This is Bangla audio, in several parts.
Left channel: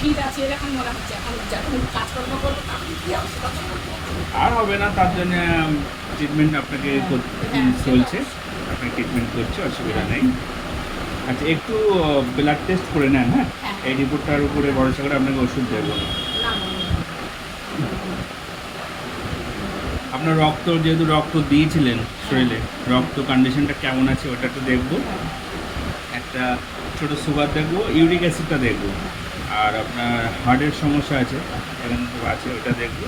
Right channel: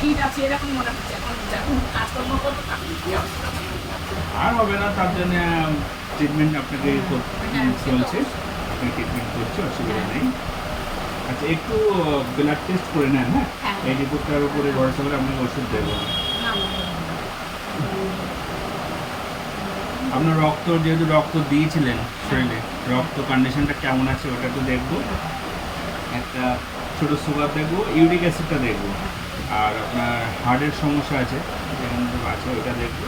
ফিট আছে এরকম মনে হচ্ছে। এখন যখন কাজকর্ম করবো তখন কি অবস্থা করবো। আর হবে না, তার জন্য ট্রিটমেন্ট আপনাকে হ্যাঁ, সে তো চলছে, অবশ্যই। আপনাকে ট্রিটমেন্ট করছি, অসুবিধা হ্যাঁ। নেই। আচ্ছা, একটু ব্লাড টেস্ট করে নেন, হ্যাঁ? হ্যাঁ। এই রিপোর্টটার উপরে হ্যাঁ। ভরসা করে আপনাকে ওষুধ দেবো না। না, না, না। আপনার রক্ত, যেহেতু রক্ত দিয়েছিলেন শরীরে, রক্ত কন্ডিশনটা কেমন আছে ওটা একটু দেখবো। একটা ছোট সুগার দেখবো, ইউরিক অ্যাসিডটা দেখবো, আর আপনার হার্টের সমস্যা আছে এখানে সব আছে, ওটা দেখবো,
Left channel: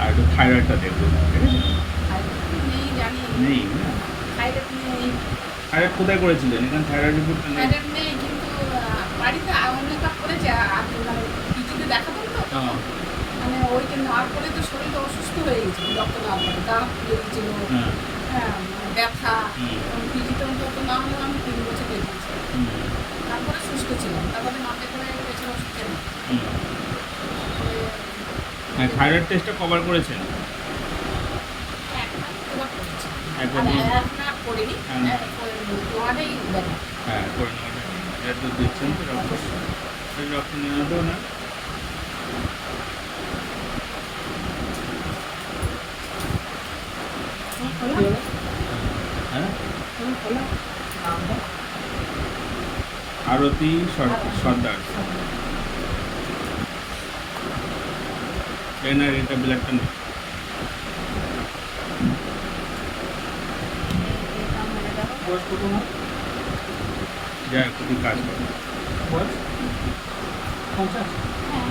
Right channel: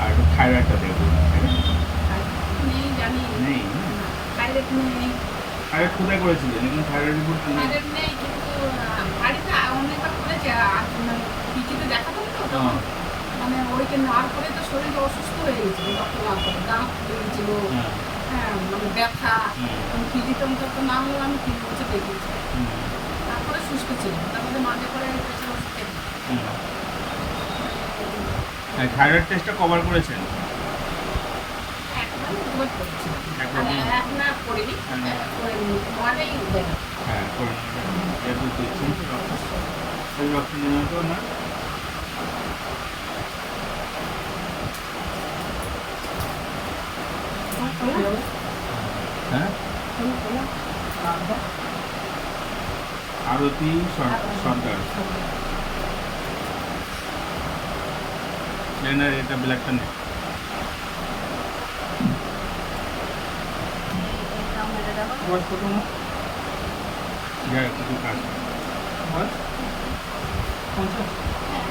আর একটু থাইরয়েডটা দেখবো, ঠিক আছে? থাইরয়েড নেই জানি। নেই না? থাইরয়েড নেই। থাইরয়েড কোথায় করেছিলেন? এখানে থাইরয়েড রিপোর্টটা নেই। থাইরয়েড নেই কিন্তু বাড়িতে অনেকবার করেছে। মানে পিজিতে দেখাতাম তো তখন। মানে ওইটা নেওয়ার পরে তো শরীরটা অসুস্থ হয়ে গেছিল। রক্ত নেওয়ার পরে গা ফুলে গেছিল। হ্যাঁ। হ্যাঁ, মানে ব্যথা। হুম। এবং পিজিতে অন্তত না হলে আমি 3 বছর দেখিয়েছি। হুম। তারপরে সুস্থ ছিলাম। তারপরে মাঝে করে আমি প্রেশার ওষুধ খেলাম। হুম। তারপরে থাইরয়েড টেস্টটা কভার করেছেন? একটা না দুবার করেছি। একবার আর বলুন। এক না করিনি। হ্যাঁ, না। করিনি। নোয়াটাই দেখা। হ্যাঁ, করে নেওয়াটা যেহেতু দিচ্ছেন তো রক্ত, অবশ্যই। এই রক্ত নেওয়াটাও না। হ্যাঁ, আরতি সর্দার। না, এটা ব্ল্যাকটা নেই। বয়স কত না? যাই হোক, খুবই কাজ করে। বয়স 50? হ্যাঁ।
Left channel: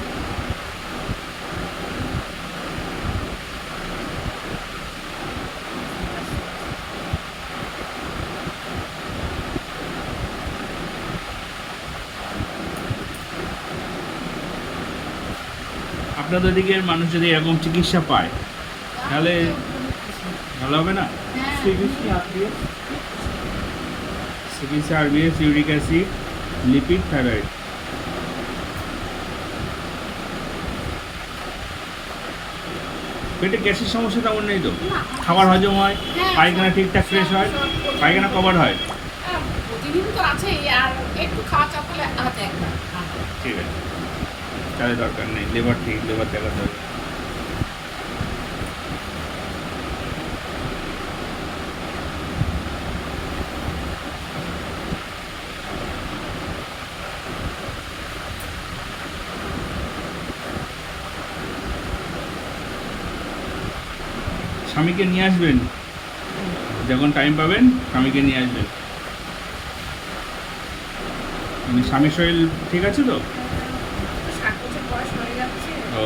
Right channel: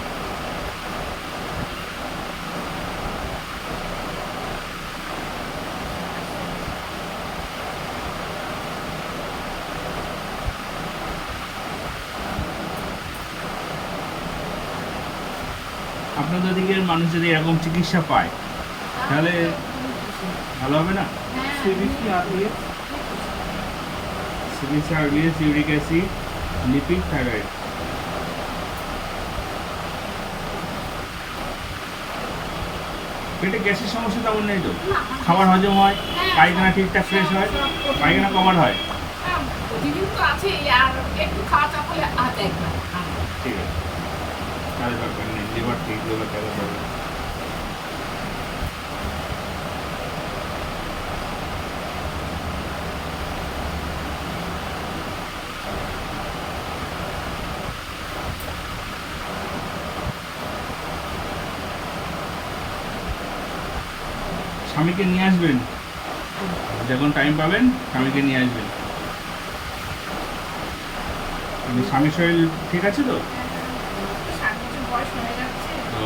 আপনাদের দিকের মানুষ যদি এরকম চিকিৎসা পায় তাহলে ভালো হবে না? হ্যাঁ। CBC RBS CBC, RBS, uric acid, lipid, thyroid. পেটে গ্যাসের সমস্যা তেমন নেই তো? না, খাবার হজম হয়, হ্যাঁ, পায়খানা সব- ঠিকঠাক ফ্রেশ সব- হয়, সব প্রতিদিন পায়খানা কভার হয়? হ্যাঁ, প্রতিদিন তো আছেই। আর একটু খাওয়া চাপ হলে হাতে একবার আনবো। ঠিক আছে, তাহলে দরকার নেই। লিভার ঠিক, লিভার দেখা দরকার। স্বামীকে নিয়ে আসবেন, যখন টাইম পাবেন স্বামীকে নিয়ে আসবেন। এমনি স্বামীর শরীর ঠিক আছে তো? আমার তো 60 বছর বয়স হয়ে যাচ্ছে। ও,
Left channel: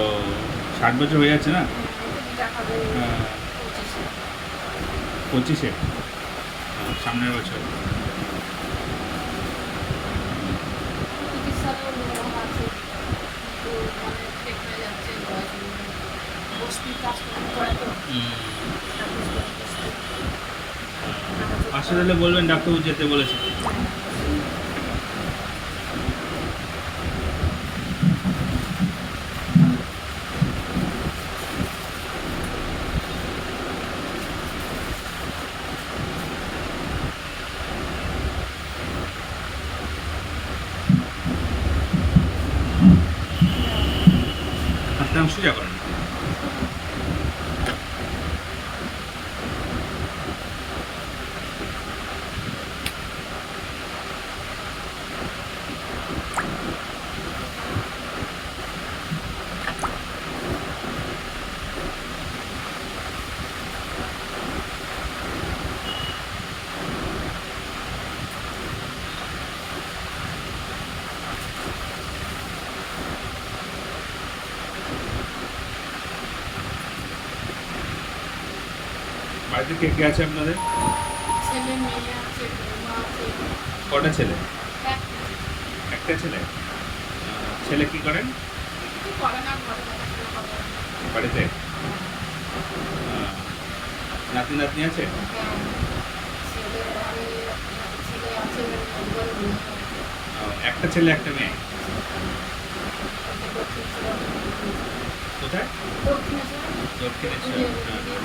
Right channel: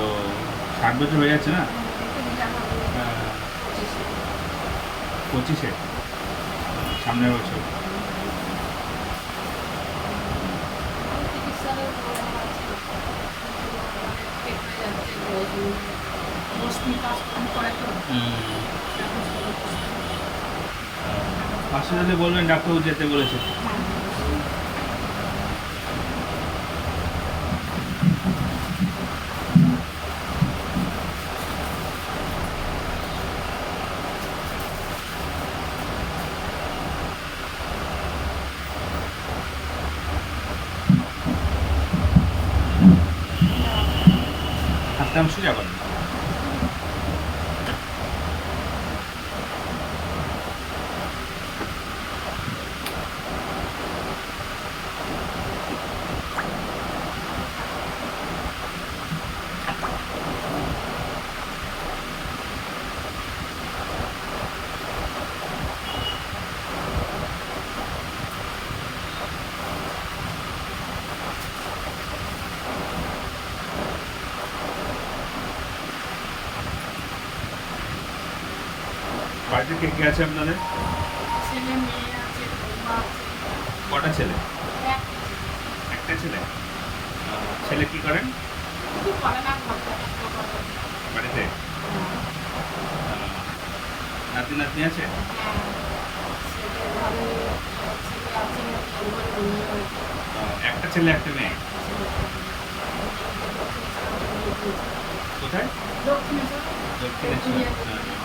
60 বছর হয়ে যাচ্ছে না? এটা রিটার্ন হবে হ্যাঁ। 25-এ। 25-এ? সামনের বছর। চিকিৎসারও ওরকম আছে। কিন্তু মানে পেট হয়ে যাচ্ছে বয়স অনুযায়ী। বসতি কাজকর্ম করে তো। সার্ভিস করে বসতি। হসপিটালে বলবেন ডাক্তারবাবু যেতে বলেছে। হ্যাঁ। হাতটা নাম সোজা করেন। বাড়িতে কে কে আছে আপনাদের? ছেলে মেয়ে আছে, বৌমা আছে। কটা ছেলে? এক একটা ছেলে? ছেলে কি করেন কিছু করে না, ঘরে দেখাশোনা করে। বাড়িতে? হ্যাঁ। নাতি নাতনি আছে? হ্যাঁ, ছেলে ঘরে ছেলে আছে, মেয়ে আছে। একটা ছেলে একটা মেয়ে। দক্ষিণেশ্বর। কোথায়? দক্ষিণেশ্বর। দক্ষিণেশ্বর। হ্যাঁ।